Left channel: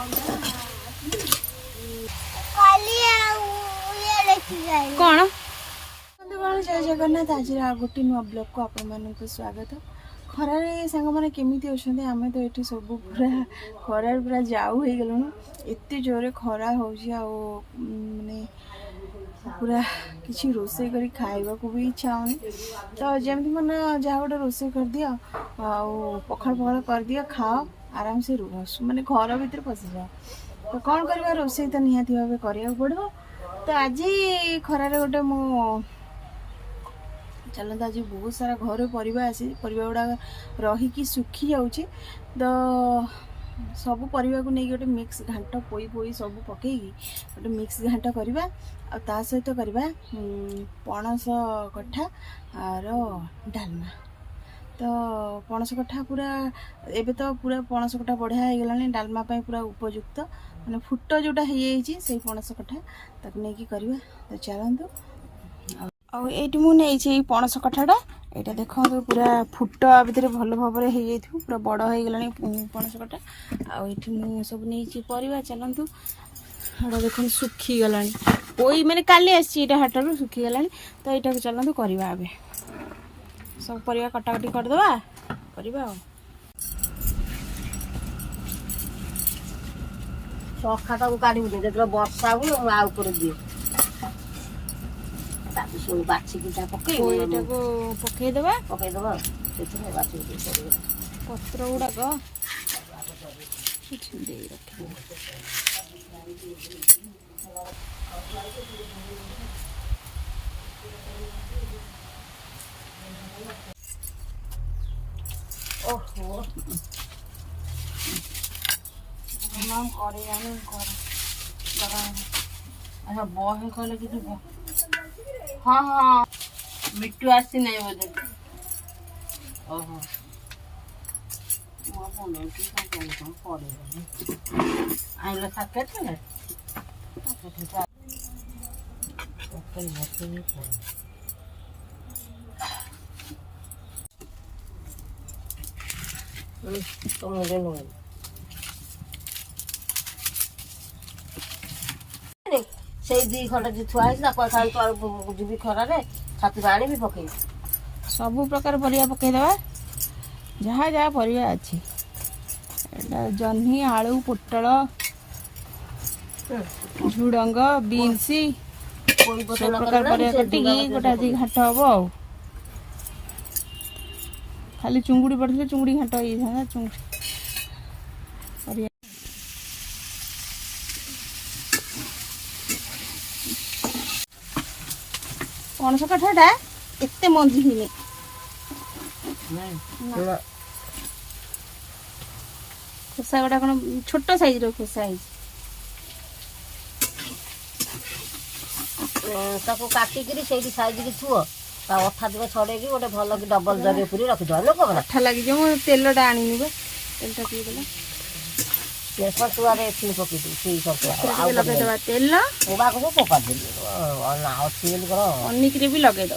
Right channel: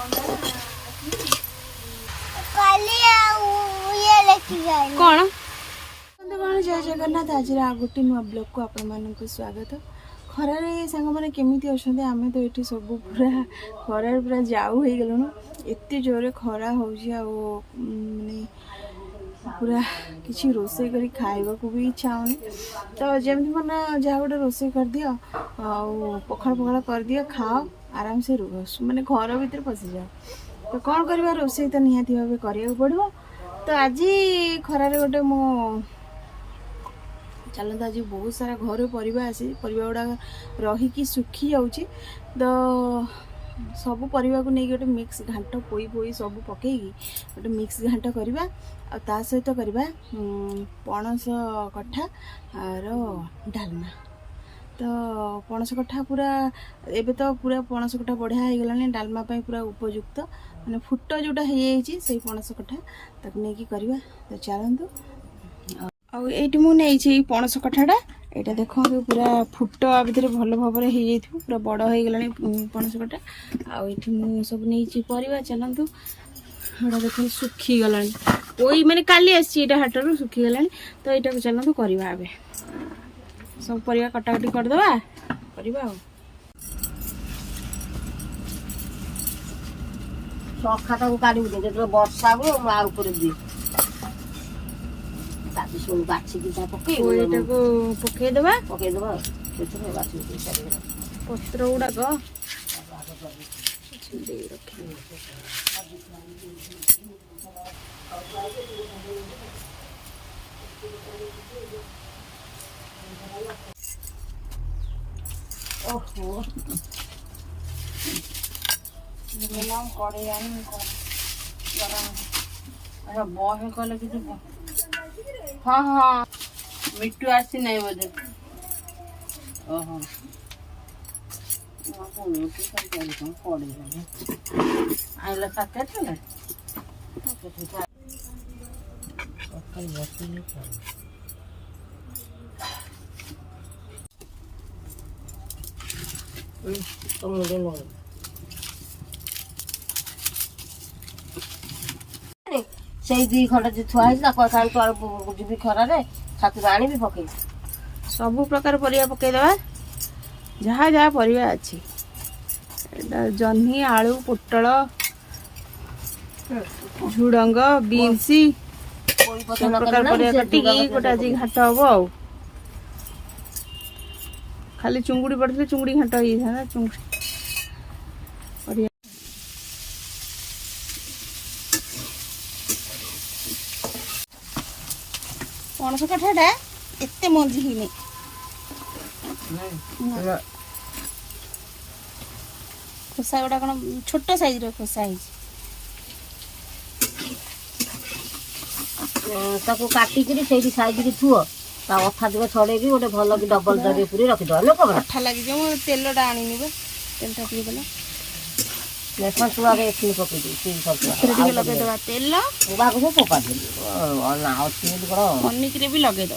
कौन जय जगन्नाथ आज गोटे नुआ ब्लॉग को आपण मानक स्वागत। खरारे सांग मैंने केमी अच्छा आम तो ये सब पूरा खरार पूरा जाऊ हो गलुणु एत जोरे खरा हो माने पूरा किसी रोसे करी खाइबा को भी इच्छा होनी। तो जमी मैंने जहाँ गोटे रोसे कर दियो पखाड़ पखाड़ कर दियो खाओ आराम से रुह माने घर भीतर पशि जाओ। तो कौन करवा रोसे तो निहाती भाव करिया पड़ो। तो आज खरारे गोटे मो चलता आज बहुत सारा घर परिवा आसी परिवा गुड़ा रहीकि सुखी जाऊँगी। तो सब परिवा को नहीं गोटे मिक्स घांट पोई पोई सब पकईकी गोटे मिक्स घांट करवा आ सहित करवा पणस कठा आर डालमा। तो पणस कठा पूरा एबे तो पूरा पणस कठा बढ़िया हो गलानी डालमा पाई पूरा उपयुक्त माने फुट जोटा हो से पणस कठा ताकू नहीं करवा। तो चलतु आईटी मुझे पणस कठाटा यहाँ देखो पूरा फुट भर भल भाव में पूरा बड़ हो गला पणस कटा आईटी मु सब नहीं परिवा। चलतु हाँ देख सुखी गला पोई मैंने काली आटा हाटर सुखी गला। तो यहाँ चलतु करवा सब परिवा कटाकटी करदे करवा। सखाटा काढ़ी जो वर्षा हुए आउे दिए शुणु बाछिकी पकईदे पकईदबा पत्र गुड़ाक ओहो अच्छा बहे कले कि हाँ हाँ मिट्टू आसी नहीं बोधे ओहो आइला साकेट तो मुझे नहीं से दी खंड जो थुआई जी खरारे छातु आनी भी पकई सब प्रकार परिया पकईदे जहाँ जहाँ परिया अच्छी जह्नी आलू पोटल झुडंग बीन्सी सब प्रकार परिया कटिकी गोटे आज घाट हम आ खाली चुंगुड़ी पड़े चुंगुड़ी घाट हो चुंगुड़ी पणस कठाटा एते मंजी हुई खोसा गुड़ा कौन छोट साइज खोसा काटिकी से साइज की थुओ अठा दिव छड़े गोटे भल कि डबल जगे पूरी रखिद अठा लगी तेलटा आनी तेलटा लगेदे तेल पनिक भी लगेद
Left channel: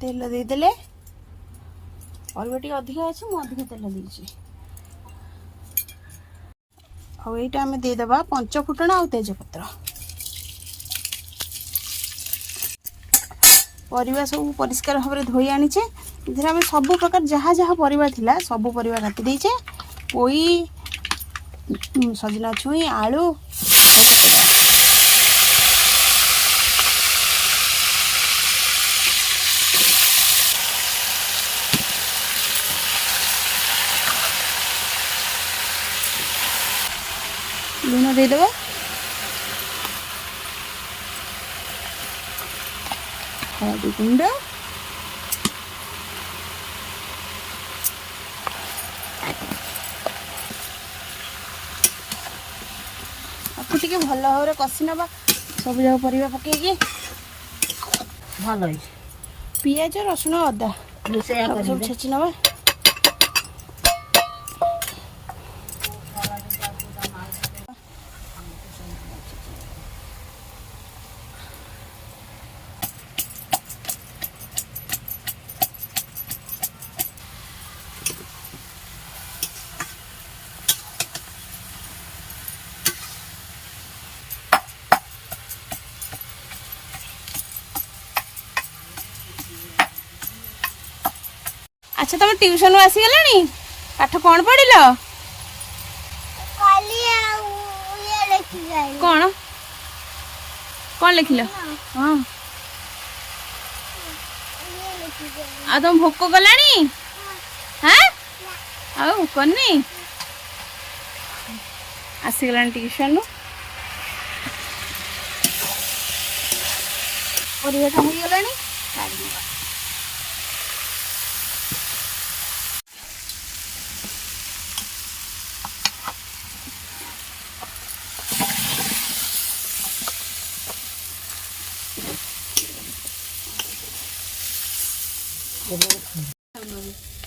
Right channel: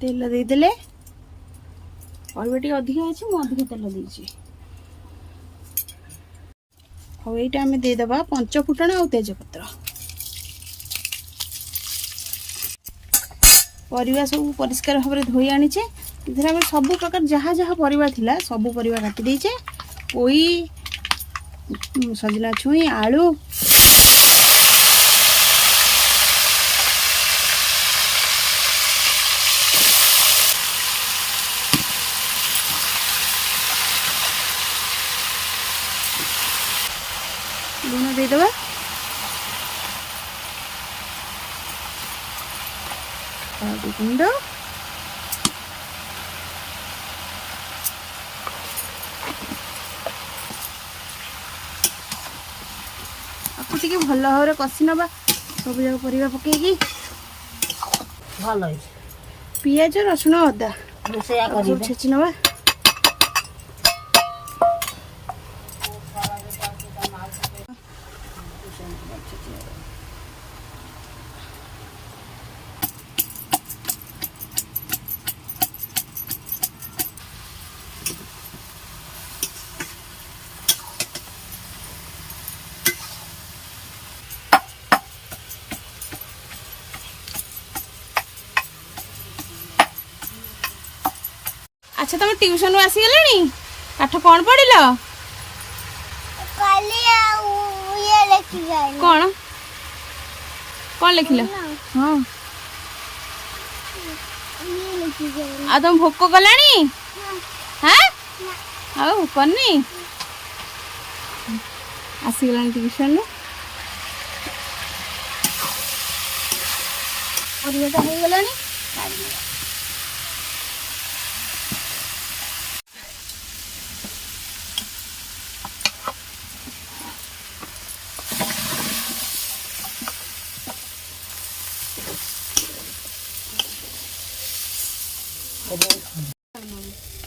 तेल देदेले और अधिका अच्छी मुझे तेल देची आईटा आम देदेबा पंच फुटण आ तेजपत्र परिवा सब परिष्कार भाव में धोई आनीचे इधर सब प्रकार जहाँ जहाँ परिवा थिला सब परिवा काटी देचे पोई सजना छुई आलू लुण देदेबा हल्दी गुंड भल भाव में कषि नवा सब जगह परिवा पकईकी भल पियाज रसुण अदा छेची नवा अच्छा तुम ट्यूशन आसी गलानी पाठ कौन पढ़िल कौन कौन लिखिल हाँ आ तुम भोक गलानी हाँ आओ करनी आसीगलानी ट्यूशन परिवाटा हो गलानी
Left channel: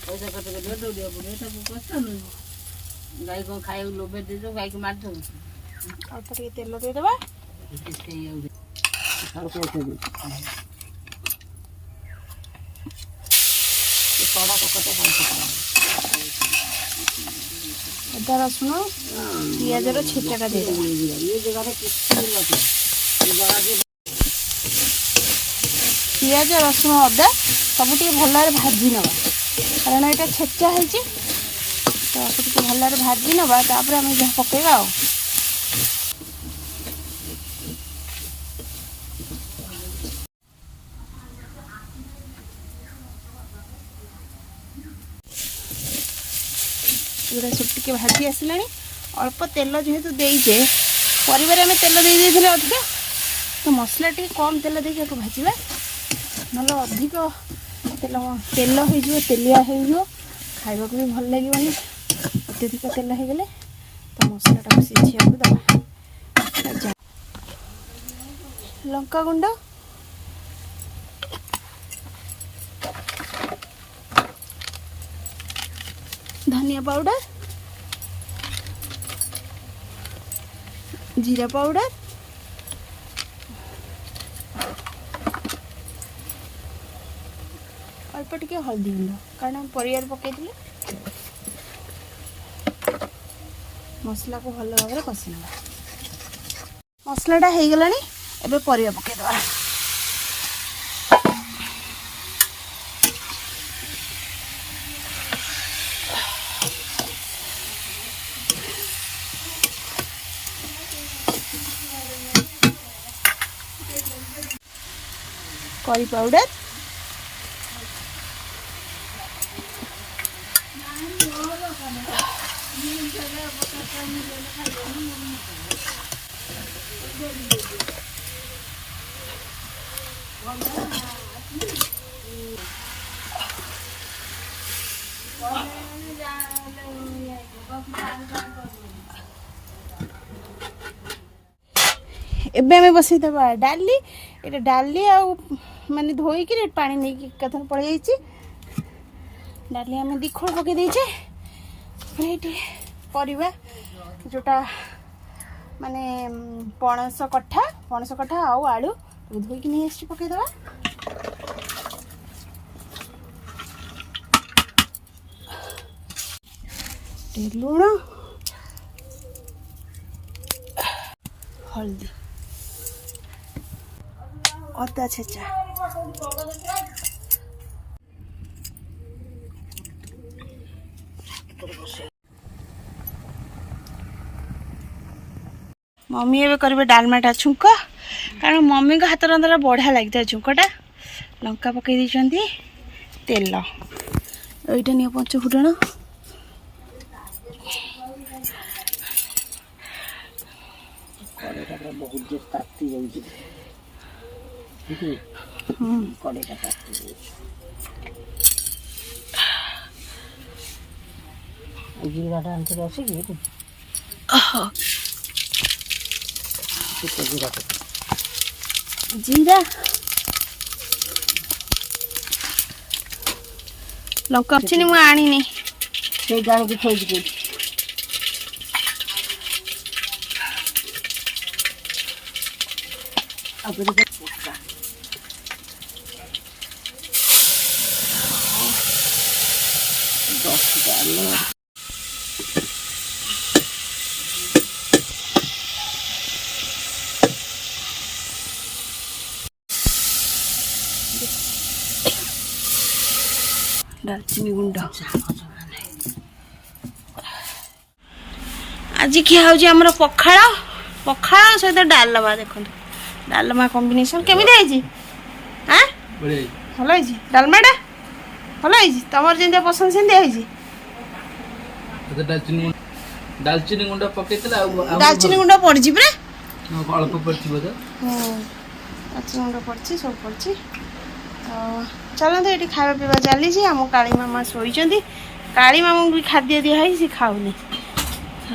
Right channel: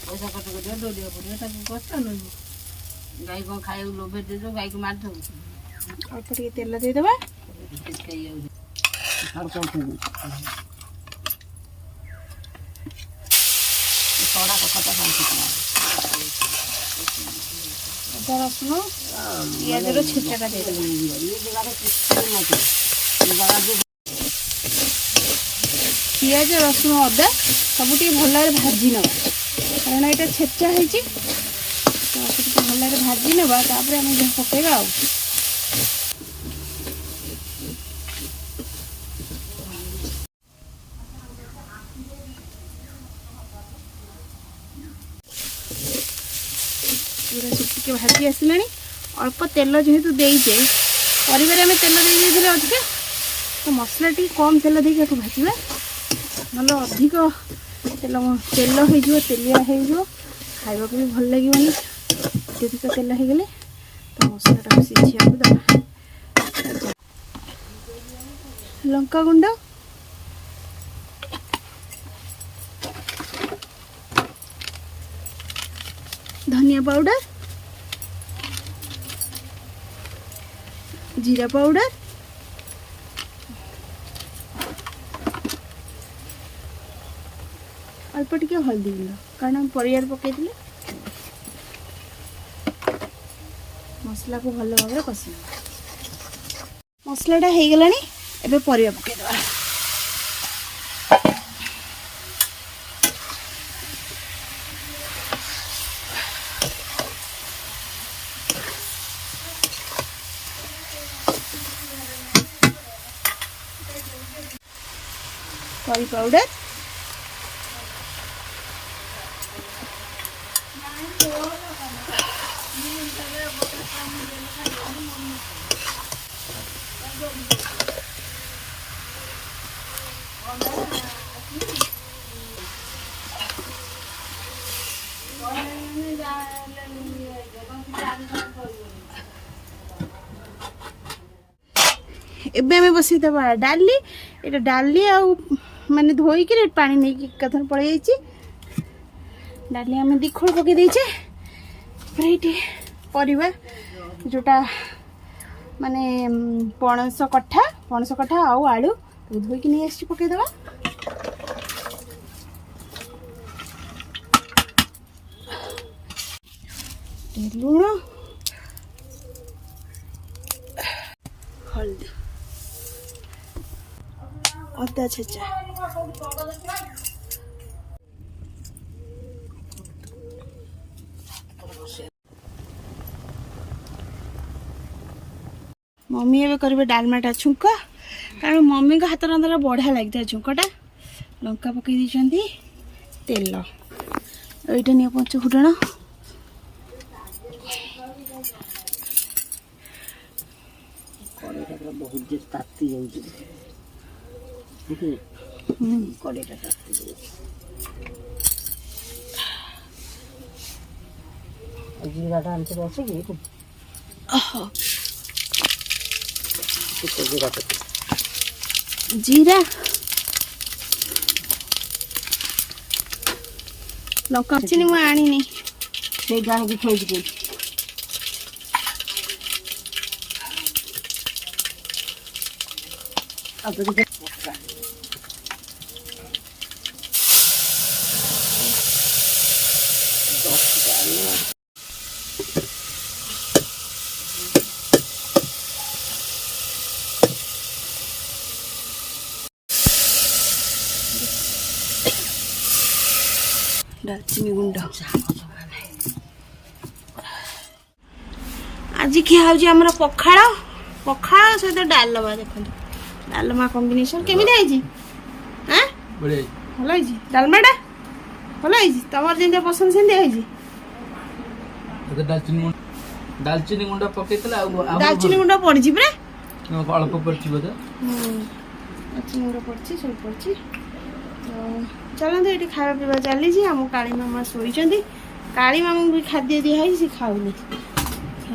पैसा खर्च कर दौड़ा पड़े कष्ट नु गाई कौन खाए लोभे दे दो गाई को मार दो अल्प टे तेल देदेबा अदा रसुण पिज छेचाटा दे पिज रसुण अदा सब भल भाजी नवा कारण यहाँ छेचा है भल भाजी नवा तापर आम जहाँ पकेगा टे भाजी आसला अल्प तेल जेहेतु देचे परिवार आम तेल दे अधिका तो मसला टी कम तेल देके भाजवा ना अधिक तेल तेल हो तेलिया हो खावा भी भल लगे अत्यधिक तेल हो गले तो मसलाटा सीझा दबा लंका गुंड धनिया पाउडर जीरा पाउडर अल्प टिके हल्दी गुंड कारण परिवार पकई मसला को भल भाव कषि मसलाटा हो गलानी एबे परिवा पकईदबा करी पाउडर एबे हमें बसई दबा डाली एटा डाली आ माने धोई के पानी नहीं कि कथन पड़ जाइए डाली आम दिखोड़ पकई देचे परिवा जोटा माने पणस कठा आउ आलू धोईक नहीं आसी पकईदबा लुण हल्दी अदा छेचा मम्मी एवं करेंगे डालमाटा छुंक कारण मम्मी को हाथ रंधा बढ़िया लगता है छुंकटा लंका पकई दी तेल यहीटा नहीं पंच फुटण बहुत जोर ताती जाऊँ कड़ेटा ताती जीराटा आनते आसिक जीरा लंका चिनी मु आनी से गाँव की थोड़ी अब ଡାଲଚିନି ଗୁଣ୍ଡ ଆଜି ଖିଆ ହେଉଛି ଆମର ପଖାଳ ପଖାଳ ସହିତ ଡାଲମା ଦେଖନ୍ତୁ ଡାଲମା କମ୍ବିନେସନ୍ କେମିତି ହେଇଛି ଆଁ ଭଲ ହେଇଛି ଡାଲମାଟା ଭଲ ହେଇଛି ତମର ଯେମିତିଆ ପସନ୍ଦ ସେମିତିଆ ହେଇଛି ଡାଲଚିନି ଗୁଣ୍ଡ ପକେଇଥିଲା ଆଉ ଡାଲଚିନି ଗୁଣ୍ଡ ପଡ଼ିଛି ପୁରା ଅଳ୍ପ ପଡିଛି ବୋଧେ ଡାଲଚିନି ଗୁଣ୍ଡ ପଡ଼ିଛି ସବୁ ପଡ଼ିଛି ତ ଚାଲନ୍ତୁ ଏଠି ଖାଇବା ପିଇବା ଚାଲିଛି ଆମ କାଳୀ ମାମା ଶୋଇଛନ୍ତି କାଳୀ ମାମାଙ୍କୁ ବି ଖାଦ୍ୟ ଦିଆ ହେଇଛି ସେ ଖାଉନି ତ